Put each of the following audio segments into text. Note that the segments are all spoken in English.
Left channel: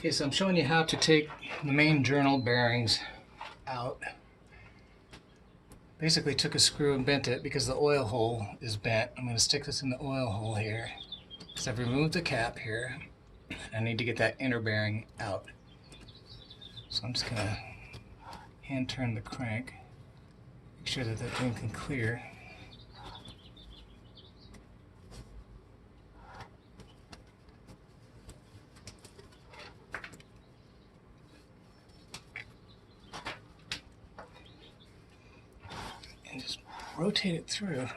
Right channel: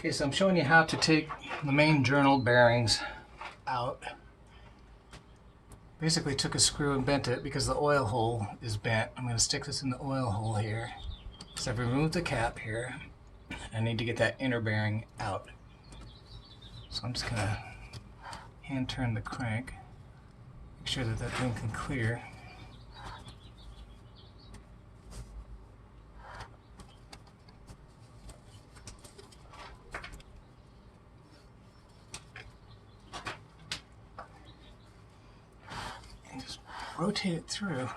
Okay, so I'm showing you how to take the main journal bearings out. Basically took a screw and bent it because the oil hole is bent. I'm going to stick this in the oil hole here. So I've removed the cap here. I need to get that inner bearing out. So I'm just going to hand turn the crank. Make sure that that thing can clear. And just rotate it through,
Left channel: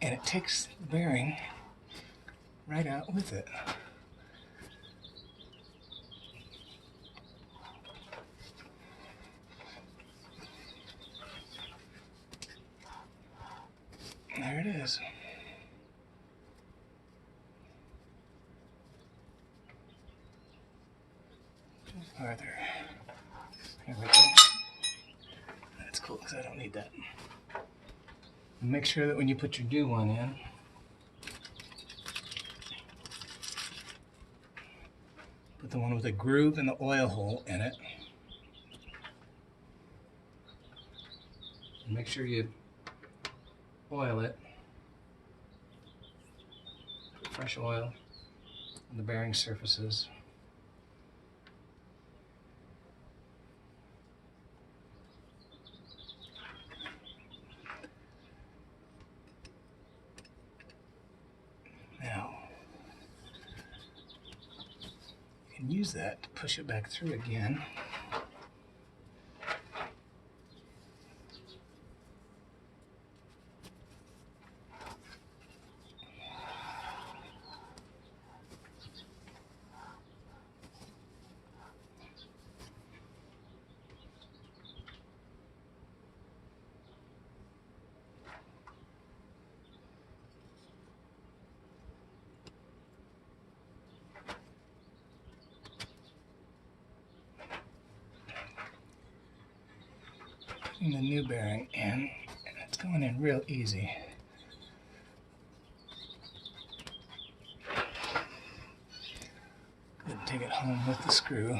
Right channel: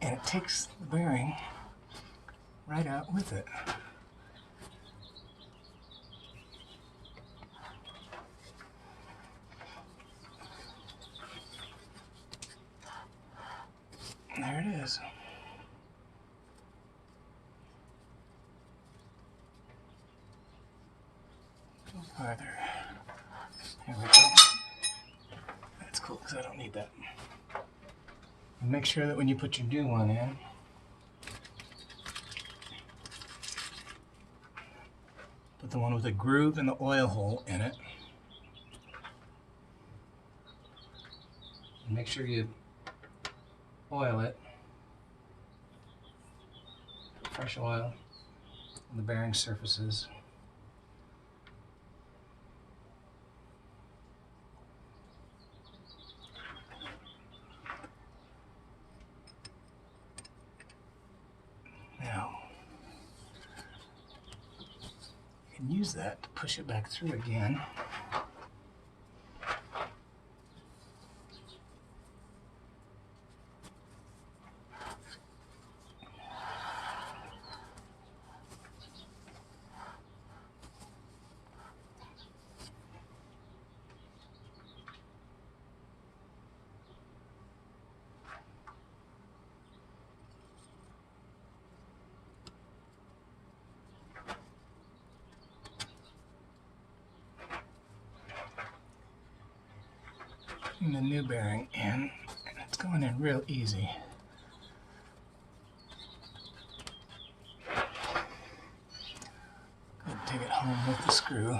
and it takes the bearing right out with it. There it is. Farther. There we go. That's cool because I don't need that. And make sure that when you put your new one in, put the one with a groove and the oil hole in it. And make sure you oil it. Put fresh oil on the bearing surfaces. Now, you can use that to push it back through again. The new bearing in, and it's going in real easy. Good, take it home with the screw.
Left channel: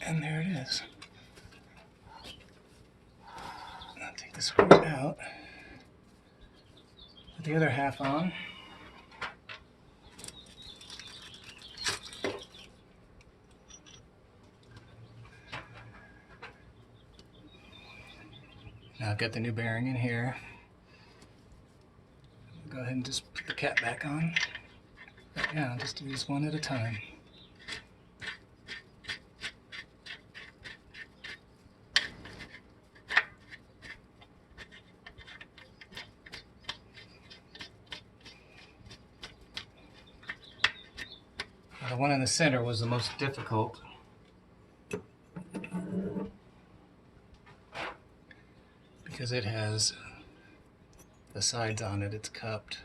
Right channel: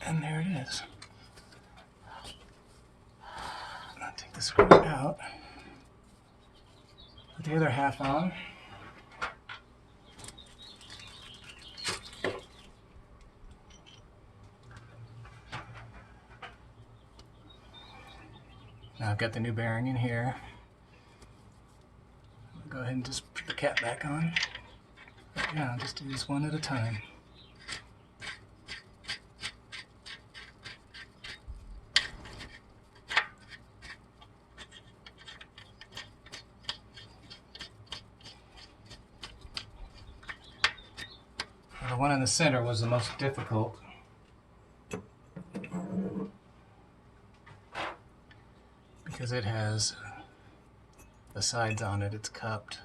And there it is. I'll take the screw out, put the other half on. Now I've got the new bearing in here. I'll go ahead and just put the cap back on. But yeah, I'll just do this one at a time. Now, the one in the center was the most difficult. Because it has the sides on it, it's cupped.